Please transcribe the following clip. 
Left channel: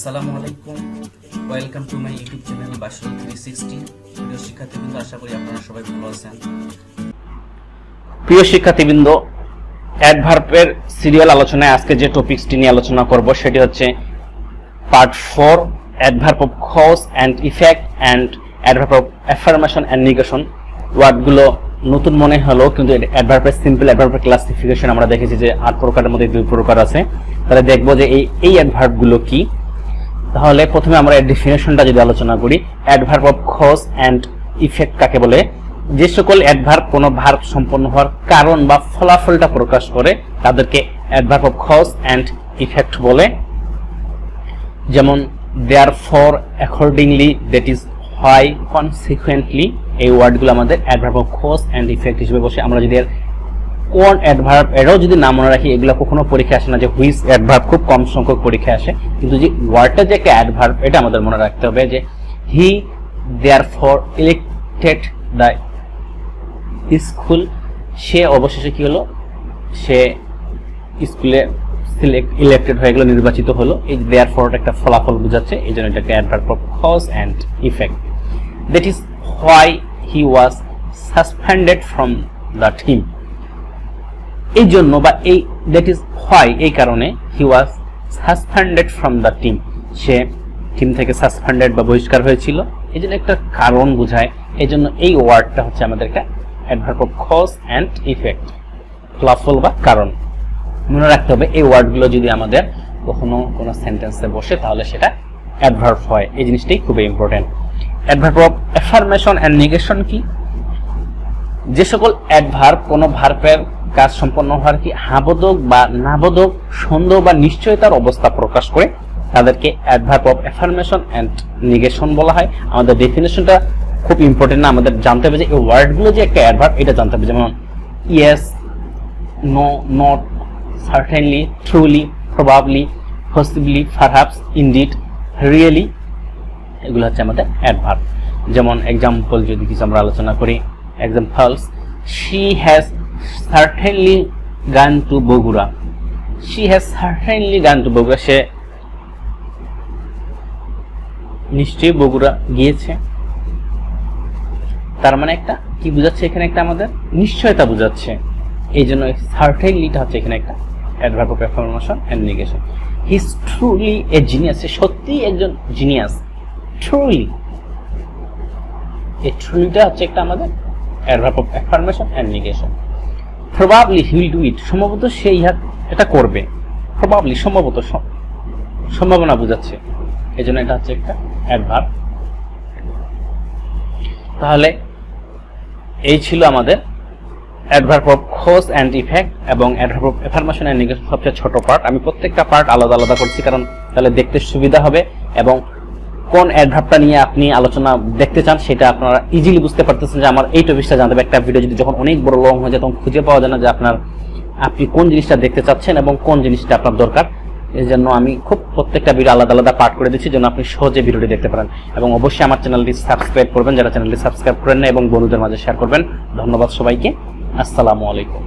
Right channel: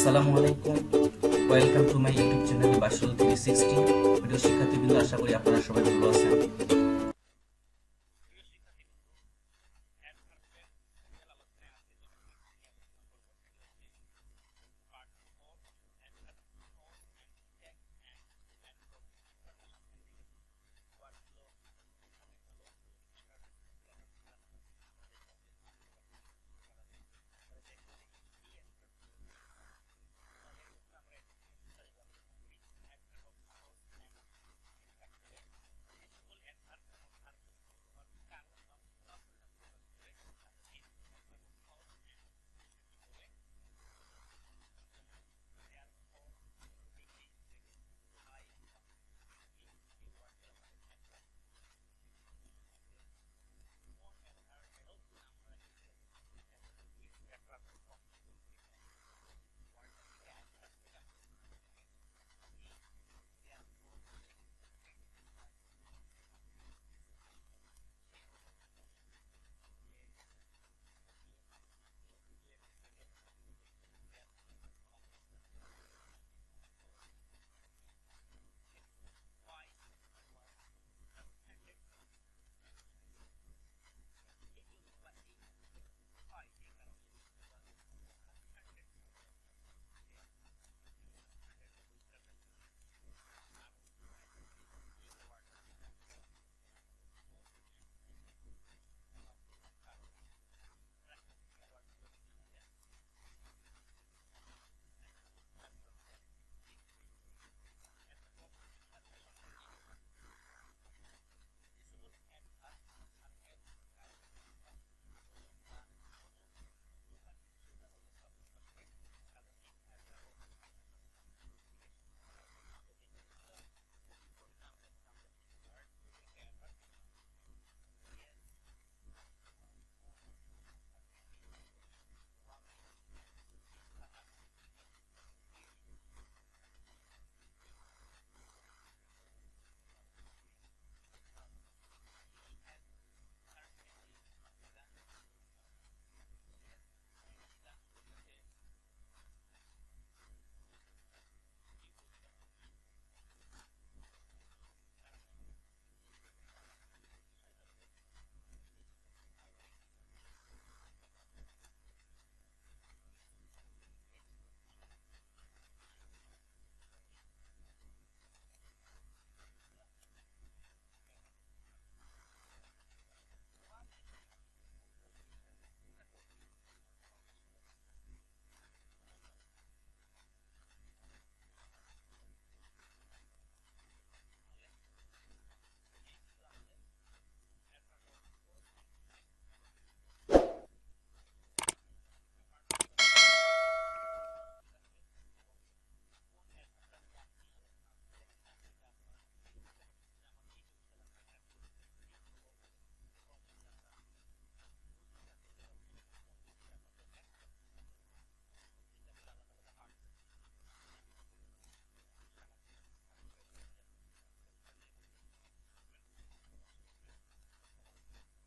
আসসালামু আলাইকুম, welcome to my YouTube channel Bashirul 360। প্রিয় শিক্ষার্থীবৃন্দ, আশা করি আপনারা সবাই ভালো আছেন। প্রিয় শিক্ষার্থীবৃন্দ, অ্যাডভার্বের সিরিয়াল আলোচনায় আজকে যে টপিকসটি নিয়ে আলোচনা করব সেটি হচ্ছে part 4, adverb of cause and effect and adverb of affirmation and negation. ওয়ার্ডগুলো নতুন মনে হলো, কিন্তু অ্যাডভার্বের সিম্পল অ্যাডভার্বের ক্লাসিফিকেশন আমরা দেখেছি যে 8 প্রকারের মধ্যে 2 প্রকার আছে। তাহলে দেখবো যে এই অ্যাডভার্বগুলো কি। তাহলে প্রথমে আমরা এর ডেফিনেশনটা যদি আলোচনা করি, adverb of cause and effect কাকে বলে? যে সকল অ্যাডভার্ব কোনো ভার্ব সম্পন্ন হওয়ার কারণ বা ফলাফলটা প্রকাশ করে তাদেরকে adverb of cause and effect বলে। যেমন therefore, accordingly, that is why, consequently, এই ওয়ার্ডগুলো আমাদের adverb of cause and effect হিসেবে বসে। আমরা যদি এর কোন অ্যাডভার্ব এটাও যদি না মনে রাখি, এগুলো কখনো পরীক্ষা আসে না। যে হুইচ অ্যাডভার্ব খুব কম সংখ্যক পরীক্ষা আসে, কিন্তু যে ওয়ার্ডটা যে একটা অ্যাডভার্ব এটা আমাদের মনে রাখতে হবে। যে হি therefore elected the স্কুল, সে অবশেষে কি হলো, সে স্কুলে ইলেক্টেড হয়ে গেল, নির্বাচিত হলো। এই therefore একটা ফলাফল বোঝাচ্ছে, এই জন্য এটাকে adverb of cause and effect. That is why he was suspended from the team, এই জন্য বা এই দ্যাট ইজ হোয়াই এই কারণে he was suspended from the team, সে টিম থেকে সাসপেন্ডেড বা বহিষ্কার হয়েছিল। এই জন্য একটা কারণ বোঝায়, এই জন্য এই ওয়ার্ডটা হচ্ছে আমাদের একটা adverb of cause and effect, ফলাফল বা কারণ। মনে রাখতে হবে এই ওয়ার্ডগুলো যদি আমাদের কখনো কোনো সেন্টেন্সে বসে তাহলে সেটা অ্যাডভার্ব হয়। এই জিনিসটাই খুবই important. Adverb of affirmation and negation কি? যে সকল অ্যাডভার্ব কোনো ভার্বের কাজ সম্পন্ন হওয়ার কি হাবোধক বা নাবোধক, সন্দেহ বা নিশ্চয়তার অবস্থা প্রকাশ করে তাদেরকে adverb of affirmation and negation বলা হয়। আমাদের ডেফিনেশনটা খুব ইম্পর্টেন্ট না, আমাদের জানতে হবে যে এই ওয়ার্ডগুলো যে একটা অ্যাডভার্ব এটা জানতে হবে। যেমন yes, no, not, certainly, truly, probably, possibly, perhaps, indeed, really, এগুলো হচ্ছে আমাদের অ্যাডভার্ব। যেমন এক্সাম্পল যদি কিছু আমরা আলোচনা করি, examples, she has certainly gone to Bogura, she has certainly gone to Bogura, সে নিশ্চয়ই বগুড়া গিয়েছে। তার মানে একটা কি বোঝাচ্ছে এখানে, একটা আমাদের নিশ্চয়তা বোঝাচ্ছে। এই জন্য সার্টেনলিটা হচ্ছে এখানে একটা adverb of affirmation and negation. He is truly a genius, সে সত্যিই একজন জিনিয়াস। ট্রুলি, এই ট্রুলিটা হচ্ছে একটা আমাদের adverb of affirmation and negation. Probably he will do it, সম্ভবত সে এটা করবে। প্রবাবলি সম্ভবত, সম্ভাবনা বোঝাচ্ছে, এই জন্য এটা হচ্ছে একটা অ্যাডভার্ব। তাহলে এই ছিল আমাদের adverb of cause and effect এবং adverb of affirmation and negation সবচেয়ে ছোট পার্ট। আমি প্রত্যেকটা পার্ট আলাদা আলাদা করছি, কারণ তাহলে দেখতে সুবিধা হবে এবং কোন অ্যাডভার্বটা নিয়ে আপনি আলোচনা দেখতে চান সেটা আপনারা ইজিলি বুঝতে পারতেছেন। যে আমার এই টপিকটা জানতে হবে। একটা ভিডিও যদি যখন অনেক বড় লং হয়ে যায় তখন খুঁজে পাওয়া যায় না যে আপনি কোন জিনিসটা দেখতে চাচ্ছেন এবং কোন জিনিসটা আপনার দরকার। এই জন্য আমি খুব প্রত্যেকটা ভিডিও আলাদা আলাদা পার্ট করে দিচ্ছি, যেন আপনি সহজে ভিডিওটি দেখতে পারেন। এবং অবশ্যই আমার চ্যানেলটি সাবস্ক্রাইব করবেন, যারা চ্যানেলটি সাবস্ক্রাইব করেন না, এবং বন্ধুদের মাঝে শেয়ার করবেন। ধন্যবাদ সবাইকে। আসসালামু আলাইকুম।